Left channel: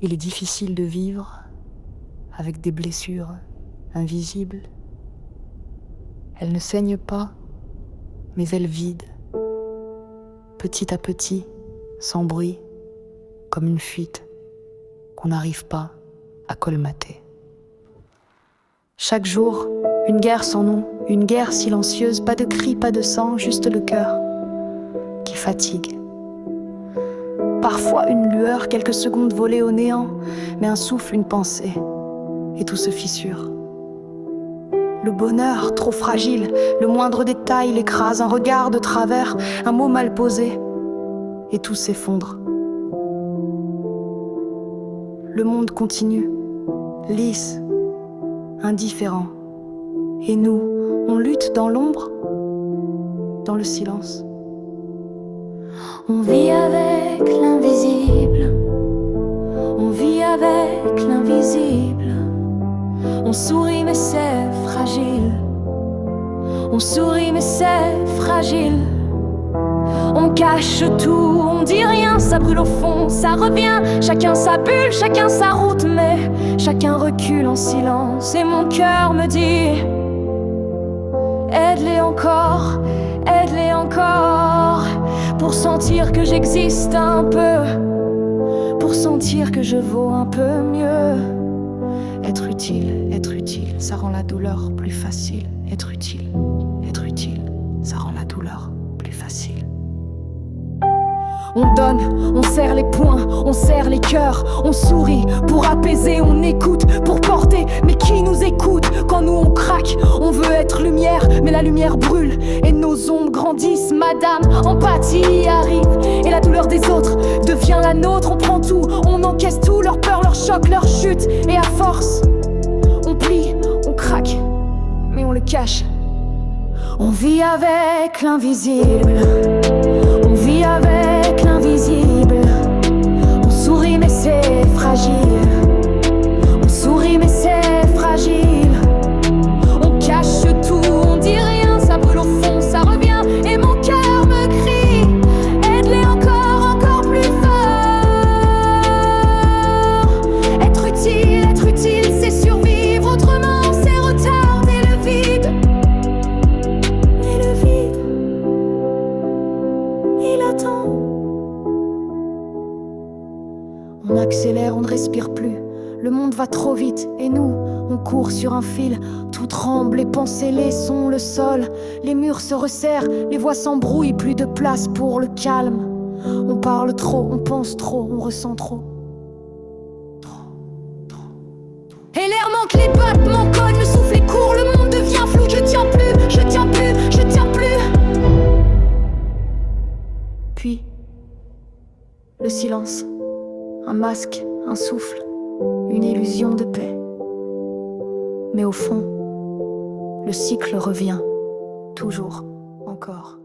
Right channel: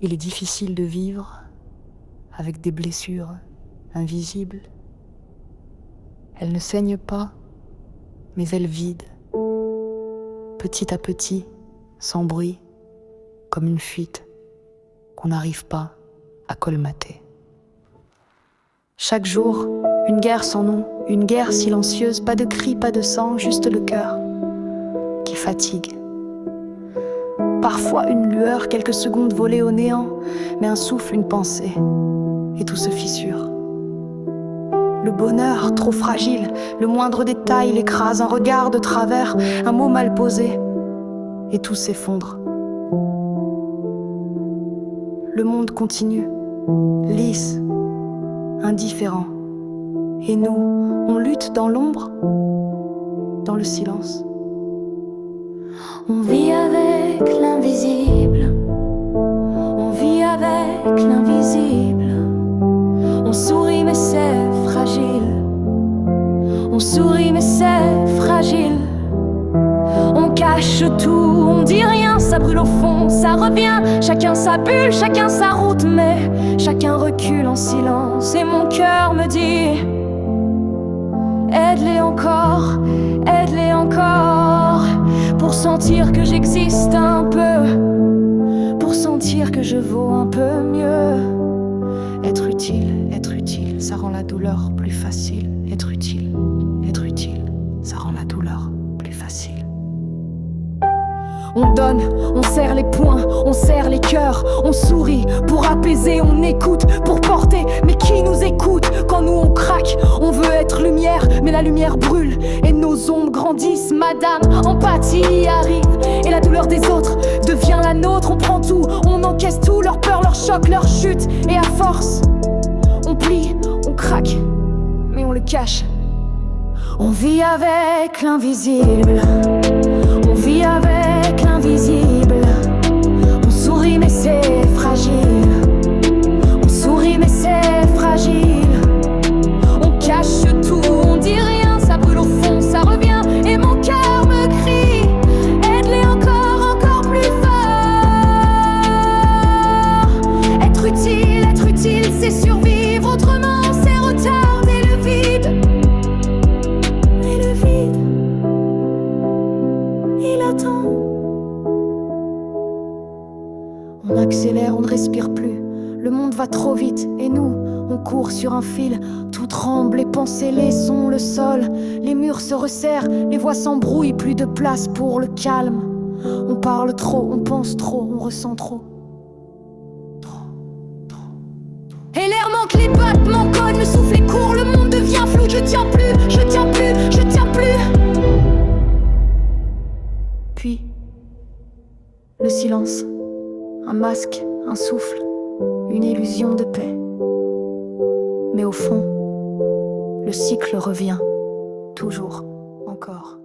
Il est difficile de vivre avec des blessures invisibles. Elles ne saignent pas, mais elles vident, petit à petit, sans bruit, comme une fuite qu'on n'arrive pas à colmater. Chaque jour, une guerre sans nom, une guerre silencieuse, pas de cris, pas de sang, juste le cœur qui fatigue. Parfois une lueur, quelques secondes volées au néant, mais un souffle, une pensée, et tout se fissure. Le bonheur, trop fragile, le moindre détail l'écrase, un regard de travers, un mot mal posé, et tout s'effondre. Le monde continue, lisse, indifférent. Et nous, on lutte dans l'ombre, dans le silence. On vit avec l'invisible, on vit avec l'invisible. On sourit mais c'est fragile, on sourit mais c'est fragile. On cache tout, on dit rien, ça brûle au fond, ça revient. Chacun sa bulle, chacun sa route, mais chacun recule en silence. Et mon cœur me dit: aide-les encore, aide-les encore, pour sentir que j'existe un peu, pour sentir que je vaux un peu mieux. Être utile, ça rend la douleur plus facile. Être utile, ça rend la douleur plus facile. On donne, on serre les poings, on serre les cœurs, on sourit pour apaiser, on écoute pour porter. Mais qui nous écoute quand nous on craque? On veut être lumière, mais la lumière brûle et nos ombres grandissent. Madame, empathie arrive et la douleur des autres devient la nôtre. On prend tout, on encaisse tout, leur peur, leur choc, leur chute. Et à force, on plie, on craque, mais on le cache. On vit avec l'invisible, on vit avec l'invisible. On sourit mais c'est fragile, on sourit mais c'est fragile. On cache tout, on dit rien, ça brûle au fond, ça revient. Et mon cœur me crie: aide-les encore, encore plus fort. Être utile, c'est survivre, autrement c'est retarder le vide. Mais le vide, il attend. On accélère, on ne respire plus. Le monde va trop vite et nous, on court sur un fil. Tout tremble, les pensées, les sons, le sol. Les murs se resserrent, les voix s'embrouillent. Plus de place pour le calme. On parle trop, on pense trop, on ressent trop. Et l'air manque, les battements cognent, le souffle est court. Le monde devient flou, je tiens plus, je tiens plus, je tiens plus. Puis, le silence. Un masque, un souffle, une illusion de paix. Mais au fond, le cycle revient, toujours, encore.